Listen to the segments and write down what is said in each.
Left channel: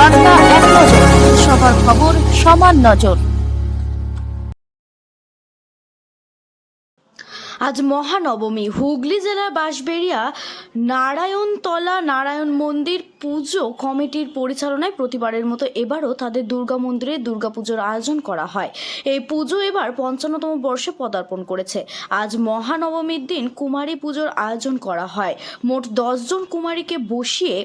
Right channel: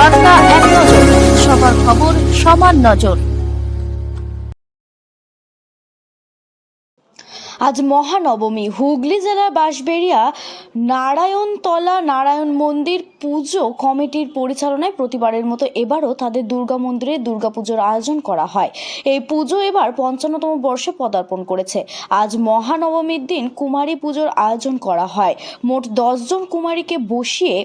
বার্তা এক নজর, সবার খবর সমান নজর। আজ মহানবমী, হুগলি জেলার বাঁশবেড়িয়া নারায়ণতলা নারায়ণ মন্দির পুজো কমিটির পরিচালনায় প্রতিবারের মতো এবারও তাদের দুর্গা মন্দিরে দুর্গাপুজোর আয়োজন করা হয়। এই পুজো এবার পঞ্চান্নতম বর্ষে পদার্পণ করেছে। আজ মহানবমীর দিন কুমারী পুজোর আয়োজন করা হয়। মোট দশজন কুমারীকে বসিয়ে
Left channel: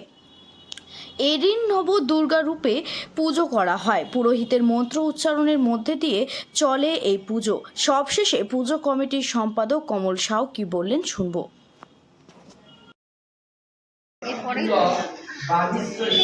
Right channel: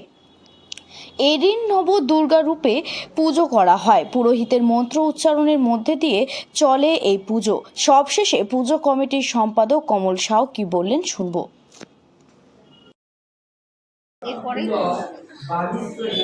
এরিন নব দুর্গা রূপে পুজো করা হয়। পুরোহিতের মন্ত্র উচ্চারণের মধ্যে দিয়ে চলে এই পুজো। সবশেষে পুজো কমিটির সম্পাদক কমল সাউ কি বললেন শুনব। বাগীশ্বরী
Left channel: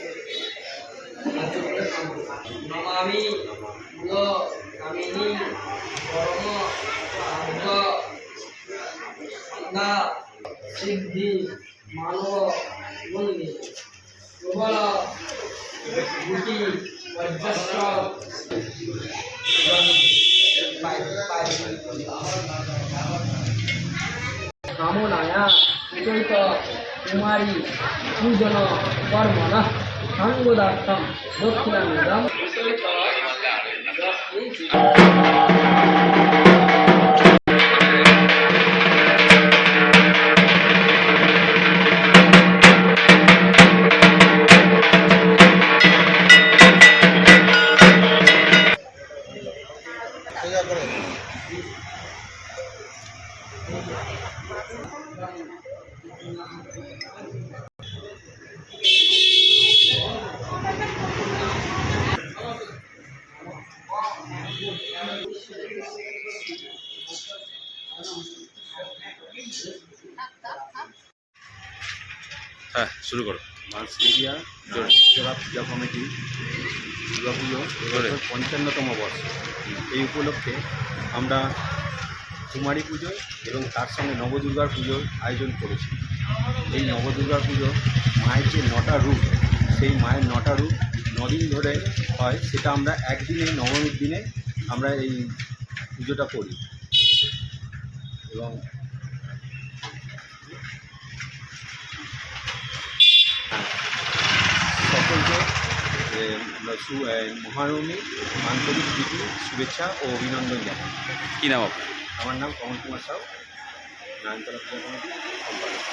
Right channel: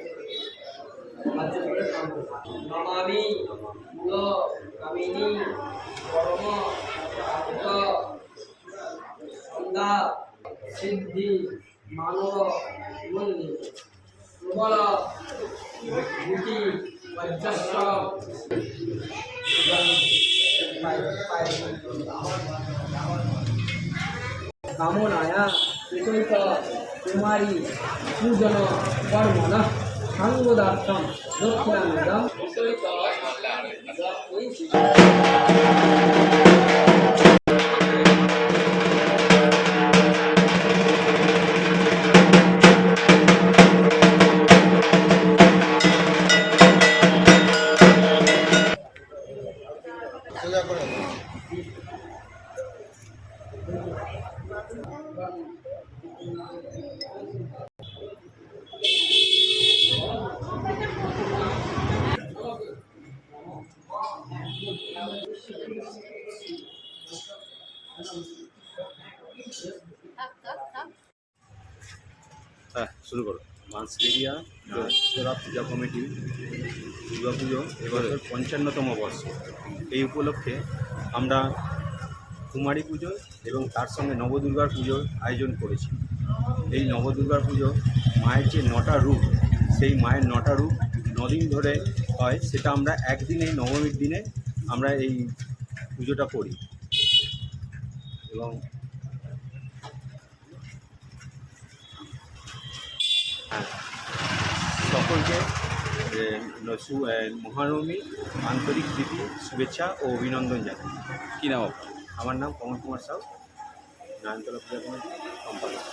নমামি কামিনী পরম আর্ধ সন্ধ্যা সিদ্ধি মানব মন্দির প্রবল গুটি বজ্রস্ব কামনায়া কুমারী পূজন 광고닷컴 넣고 합니다. Thank you. হ্যাঁ শুরু করো। মার্সেরিয়া জোড়া পূজা কমিটি দুর্গাপুজো এবছর পঞ্চান্নতম বর্ষ। এই উপলক্ষে আমরা কুমারী পুজো এবং তার সঙ্গে নবদুর্গার পুজোর আয়োজন করেছি। এই নবদুর্গার পুজো মায়ের যে নটা রূপ সেই মায়ের নটা রূপ নদিন ধরে হয় সেটা আমরা একদিনে নবমীর দিনে আমরা এই পুজোটা করি। এবং সকলকে মহানবমী আন্তরিক প্রীতি শুভেচ্ছা ও অভিনন্দন জানাই। কি নাম আপনার? আমার নাম কমল কুমার সাউ নায়নতলা পূজা কমিটি সম্পাদক।